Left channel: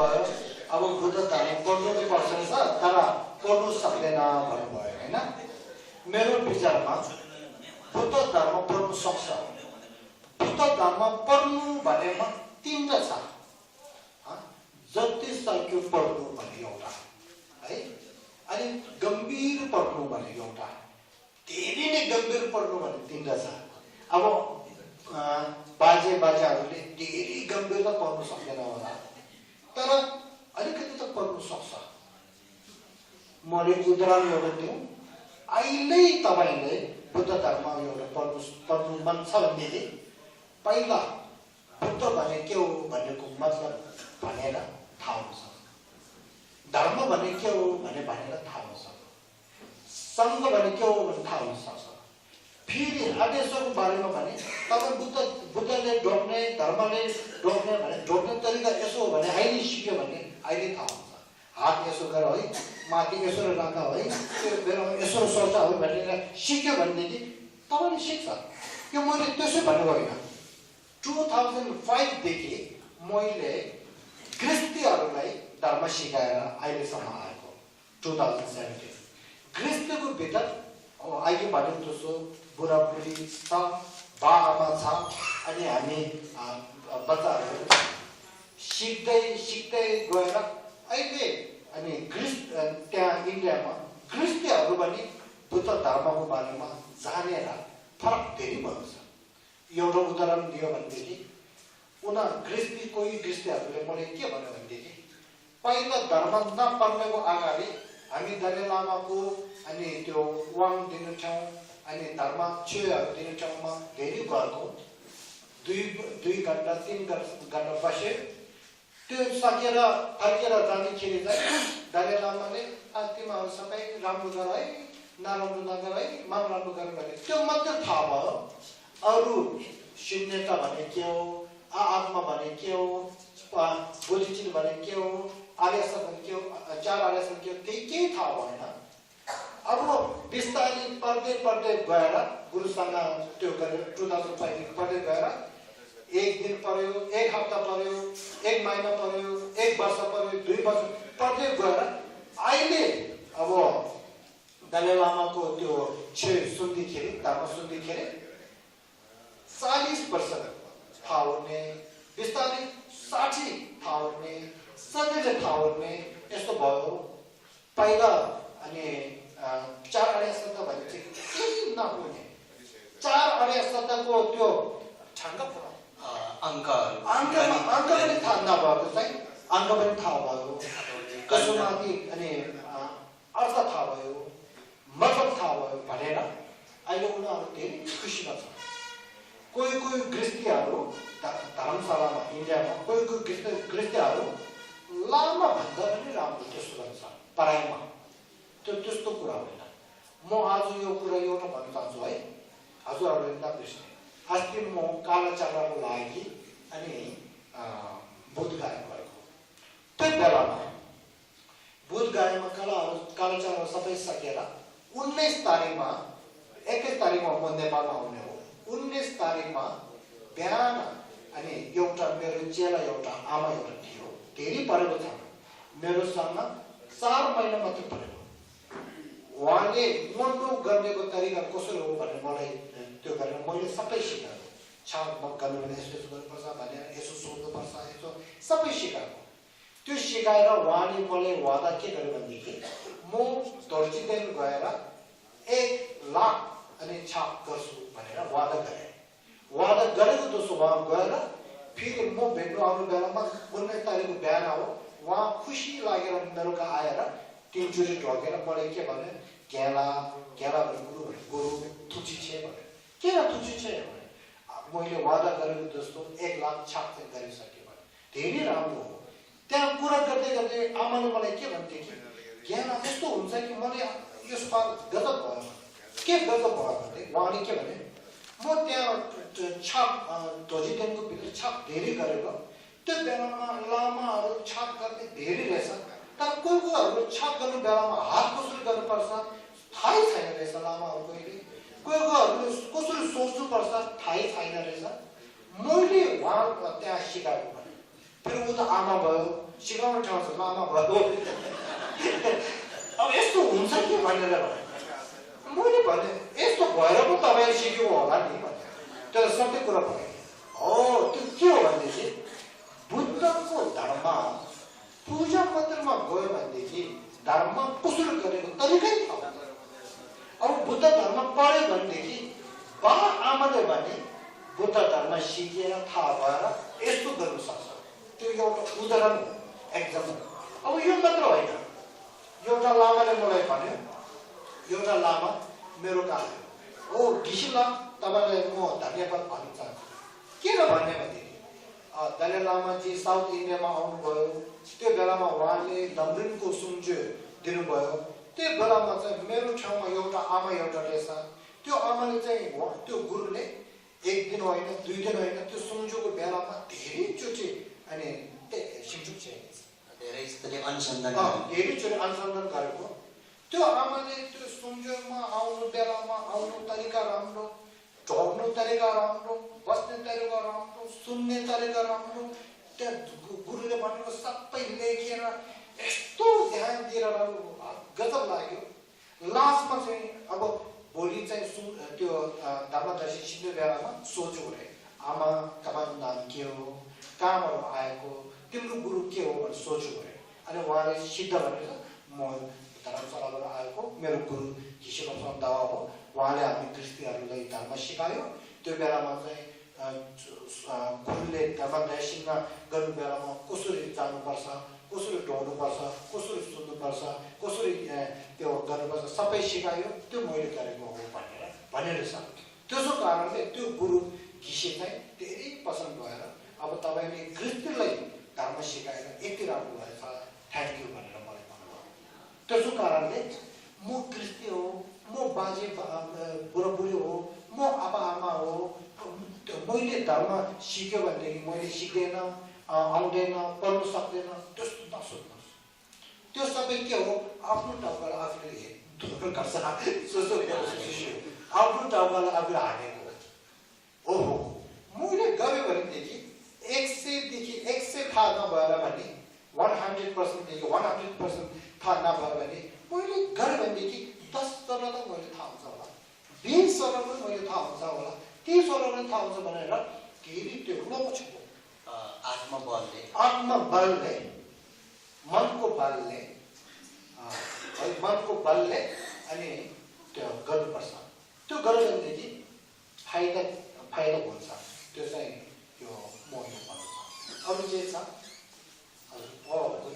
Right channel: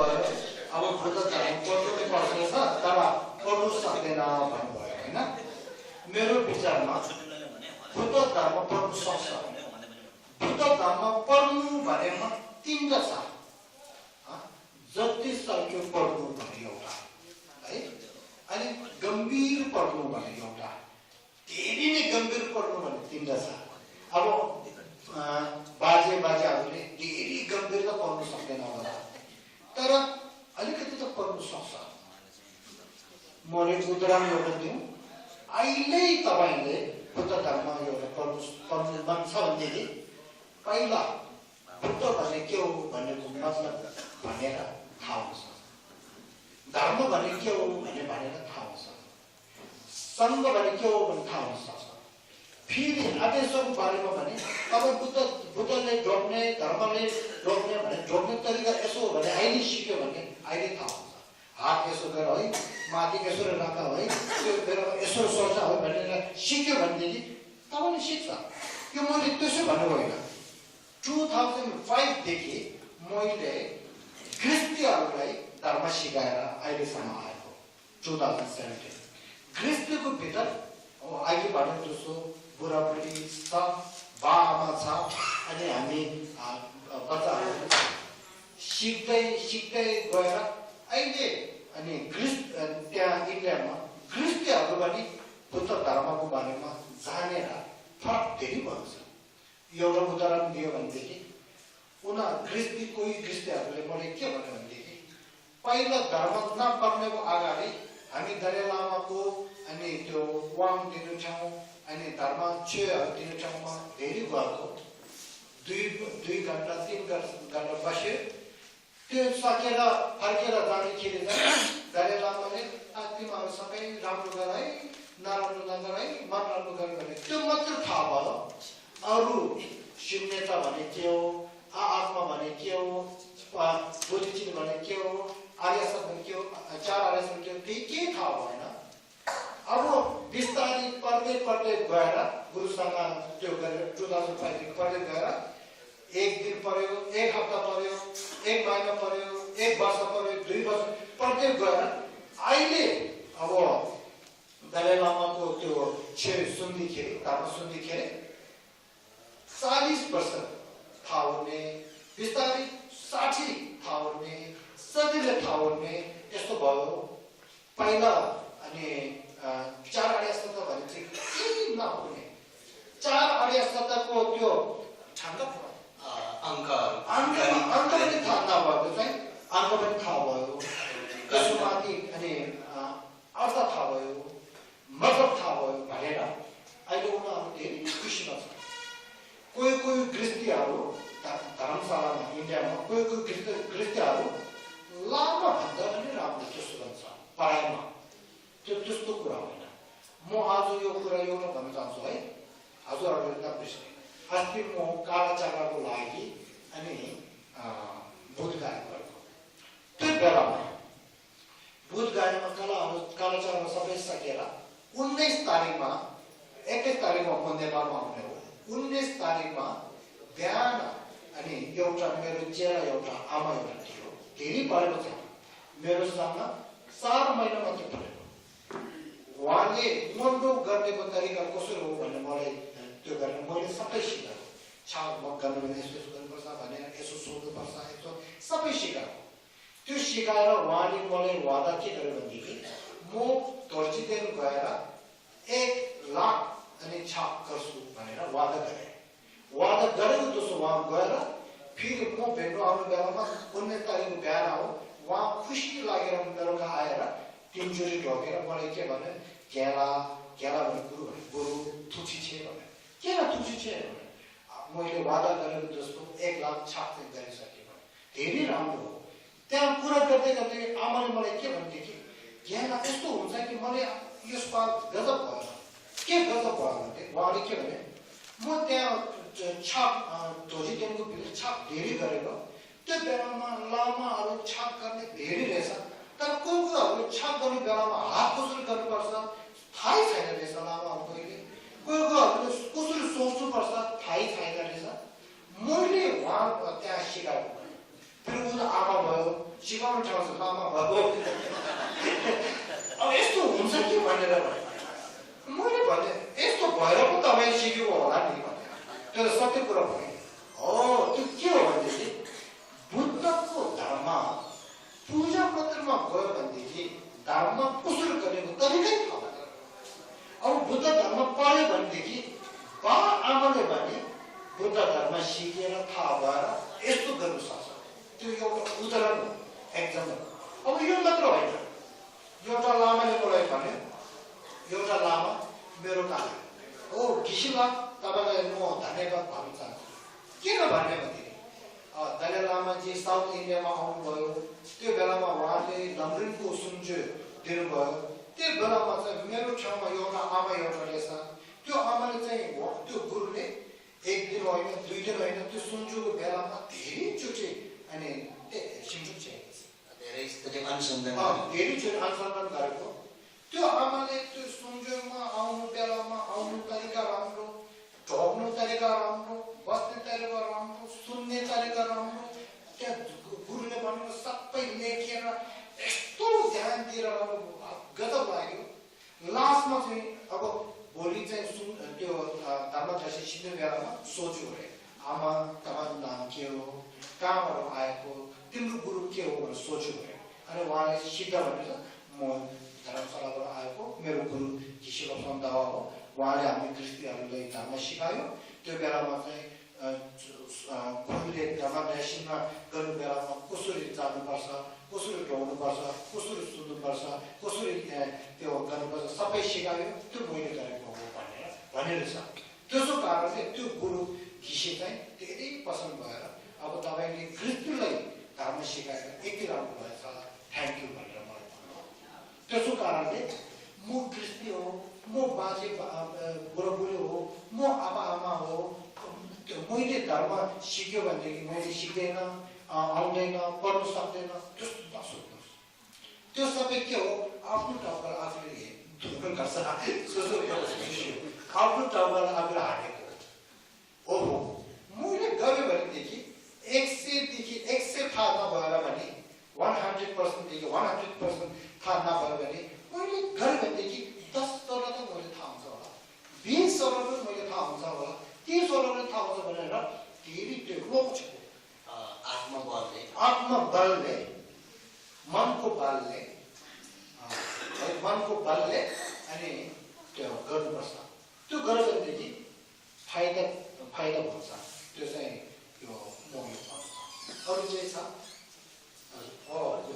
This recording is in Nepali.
अब बुद्ध धर्म पढ्नुकै पर्छ तर पढ्नु सक्दैन भन्नुभयो होइन। मेरो विचारमा बुद्ध धर्म पढ्नु सक्छ। बुद्ध धर्म पढ्नु भनेमा तीनवटा छ। जति सक्यो पढ्नु भन्ने एउटा है, अनि गम्भीर पढ्नु भन्ने एउटा, धेरै नै गम्भीर पढ्नु भन्ने तीनवटा छ। अब बाजेहरूले धेरै गम्भीर त पढ्नु सक्दैन होला, तर अलिकति त पढ्नु सक्छ। मैले उदाहरण एउटा दिउँ, अहिले तपाईँले बुद्ध धर्म एउटा पढ्नु मन छ भनेदेखि पहिला बुद्ध भने के हो भन्नेको मतलब भनेर थाहा हुन सक्छ, धर्म भने के हो भनेर थाहा हुन सक्छ, सङ्घ भने के हो भने थाहा हुन सक्छ। फेरि आदेशको बारेमा भने तपाईँ बुद्धले ढोक्ने धर्मले ढोक्ने भने ढोक्ने तरिका यसो हो भने अहिले सिक्यो भने अहिले थाहा हुन्छ। हात यसो गर है, माथि यसो राख है, त्यो बेलामा यसो सोच है भनेर सिक्यो भनेदेखि तपाईँले सिक्छ। यो मैले त्यसो भन्नु होइन। 2005देखि मैले ख्रिस्तीहरूलाई धर्म सिकाएर अहिलेसम्म आएको 2017। ख्रिस्तीको भित्र अघिबाट जसो बुढाबुढी छ, बाबा छ, अनि हामी बच्चाहरू सिक्दै गएर अहिले अनि त्यहाँ इन्डियामा ख्रिस्तीहरू पनि बुद्ध धर्मको बारेमा जानेर फरक धेरै भएको छ। एउटा उदाहरण दियो भनेदेखि कोही ख्रिस्तीहरूले मैले के भन्यो भनेदेखि पहिला धर्म नपर्नेको अगाडि हामी दलाई लामाको अनि त्यो वाङ दिने ठाउँ अनि धर्म चेयरहरू दिने ठाउँमा धेरै गएको, 2 घन्टा 3 घन्टा बस्यो। त्यो सकेर फर्केर जाँदाखेरि चाहिँ दलाई लामाले तिमीहरू सबै राम्रो गर है, नराम्रो नगर है, मन राम्रो गर भने त्यो मात्र थाहा भयो। अरू शून्यता भने के हो, आत्मा भने के हो, बोधिचित भने के हो, आर्यसत भने के हो, 4 आर्यसत के हो, त्यही केही थाहा भएन। अब बिस्तारै पढ्दै गएर गुरुसँग त्यो गरेर 2005 पढ्दै गएर 1 दिन पढ्यो, 1 हप्ता पढ्यो, 1 महिना पढ्यो, 1 वर्ष पढ्यो, 2 वर्ष पढ्दै गएर अहिले अब दलाई लामाको त्यो धर्म सुन्दाखेरि 40 वर्ष थाहा हुने, बिस्तारै 60 थाहा हुने, 70 थाहा हुने यस्तो भयो। पहिला अनि 4 आर्य सत्य भने चाहिँ केही नहुने, 4 आर्य सत्यको त्यो अङ्क पनि थाहा नभएको चाहिँ अङ्क पनि थाहा भयो, कसोमाथि अनि अर्थ थाहा भयो, मतलब थाहा भयो भनेर अहिले उनीहरू धेरै खुसीमा छ। कोही ख्रिस्तीहरू धर्मशालामा इन्डियामा कोही ख्रिस्तीहरू लामा भन्दा पनि राम्रो त्यस्तो गर्छ पढाइमा, त्यस्तो कुरा होइन। म आज यो कुरा एउटा भन्न चाहन्छु है, हजुरहरूले नबिर्सने। अस्ति म कालाचाराको लागि अनि बोधगया गएको, त्यो बेलामा बोधगयामा कालाचारा सबै सकेर 19 तारिकमा 21 तारिकमा म नेपालमा आउने हो। 19 तारिकमा बिहान अनि एउटा मेरो चेला एउटा आमा एउटा थियो, धेरै पढेको छ, मेरो सामना 4 महिना मात्र पढेको। उहाँले मन्डो गर्नेको तरिका कसरी हो भन्ने मलाई त्यो गरेर मैले सबै सिकाएको। म गर्नु भने यस्तो गर्नुपर्छ भनेर यसो सोध्नुपर्छ, यसो सबै सिकाएको। त्यो सिकाएर उहाँले मलाई वादा के गर्यो भनेदेखि म दर्जीदेन गएर 1 लाख अनि छाप गर्छु भनेर वादा गरेको दोस्रो उहाँ गएर फेरि म भेट्नु आउने बेलामा 19 तारिकको बिहान हो, उहाँ खुसी लागेर मेरो कहाँ आएर 3 चोटि ढोकेर मलाई के भन्यो, गेला भने गुरु थुची छे भन्यो। किन थुची छे भने मैले वादा गरेको दोस्रो 1 लाख छाप चाहिँ गरिसकेँ भने धेरै राम्रो हो। त्यहाँ कुरा गर्दै आमाले मलाई के भनेदेखि गेला यस्तो हुन्छ कि मलाई यसपाल गजब भयो। के गजब भयो भने उहाँले के भने म त्यहाँ छाप ध्वजीदेनको भित्र छाप धेरै गरेको, त्यो बेलामा लामाहरू छाप गर्ने धेरै रहेछ, तर कोहीहरू छाप गर्ने बेलामा हात कसरी गर्नुपर्छ थाहै छैन रहेछ लामाहरूको। कोहीहरूले कसरी सोच्नुपर्छ थाहै छैन रहेछ। मैले उहाँ त्यहाँ सिकाएको भने फेरि उता आमा भयो, सिकाउनु ठाउँ ठाउँ छ लामा भयो अब यस्तो हुन्छ कि भनेर मैले भने यस्तो भएर पो तपाईँ सिकेको होला नि भने तर सत्य कुरा भने हो त्यो के हो भनेदेखि बुद्धको धर्म पूजा मात्रमा गयो भनेदेखि धर्म कसरी गरेको तरिकै थाहा हुँदैन अब बुद्ध धर्म पढ्यो भनेदेखि बा आमाले भने बुद्ध धर्म सिकेर थाहा भएर यस्तो गर्नु सक्छ त्यो एउटा उदाहरण हो एक्जाम्पल अब यो मात्र होइन एउटा लामाले मलाई भन्यो एउटा लामा मेरो काम हो घिसिला तपाईँलाई म धन्यवाद भन्न चाहन्छु किन भन्ने भनेदेखि दलाई लामाजी साउथ इन्डियामा आउनुभयो त्यो बेलामा उहाँले लन्डनको सुन्जो दिनुभयो त्यो बेलामा चाहिँ मेरो ठाउँमा एउटा आमा एउटा रहेछ त्यो आमाले चाहिँ त्यो गुरुले एक दिन होइन 2 दिन होइन त्यो सुन्जुको बेलामा धेरैचोटि अनि धेरै धेरैचोटि अनुसन्धान गरेको त्यो आमाले त्यो सुन्जुमा आउनु बेलामा आउनु तरिका राम्रो ढोक्नु तरिका राम्रो बस्ने तरिका राम्रो सुन्ने तरिका राम्रो त्यहाँ गुरुले भन्नु सबै लेखेर यस्तो ध्यान दिएर गजब लाग्यो लास्टमा चाहिँ अब भोलि चाहिँ त्यो धर्मदर्शी सिक्ने बेलामा सोच्यो अरे आमा तपाईँको नाम के हो कहाँबाट आएको तिम्रो गुरु के हो भनेर सोच्यो अरे अनि उहाँले सिद्ध भनेर म धर्मशालाबाट आएको मेरो गुरु घिसिला सन्दावा हो उहाँले हामी क्रिस्तीहरूलाई धर्म सिकायो त्यो बेलामा चाहिँ गुरुले धर्मदर्शनमा गर्नु बेलामा कसरी जानुपर्छ कसरी ढोग्नुपर्छ कसरी सुन्नुपर्छ कसरी त्यो गर्नुपर्छ सबै सिकायो त्यो मैले गरेको हो भनेर छ त्यसो कारणले त्यो गुरु घिसे चाहिँ धेरै पसन्द भएर अब तपाईँले क्रिस्तीलाई धर्म सिकाएर यति राम्रो भएछ थ्याङ्क यू भनेर मलाई भन्नुभयो त्यसो कारणले म क्रिस्ती हो म बाजे बुढाबुढी हो म आमा आमा हो मैले धर्म सिक्यो भनेदेखि मैले सिक्दैन आउँदैन पढ्नु सक्दैन त्यस्तो नसोच्नुहोस् त्यो सबै के हो आफ्नो ठाउँबाट आफूले धुर्क गर्छ आफ्नो ठाउँबाट आफूले हारेको ओहो मैले गरेँ भनेदेखि 100 थाहा नभएर भने 100% देखि 100% थाहा नभएर भने मैले गरेँ भनेदेखि 10 सरल त मैले थाहा हुन्छ होला 20 सरल पनि मैले थाहा हुन्छ होला 30 सरल थाहा हुन्छ भनेर धेरै डेभलप छु आत्मबलले मनको बलले अनि त्यो गर्नुपर्छ त्यो गर्यो भनेदेखि फाइदा हुन्छ त्यो चाहिँ यो म भन्छु अरू चाहिँ छ हजुर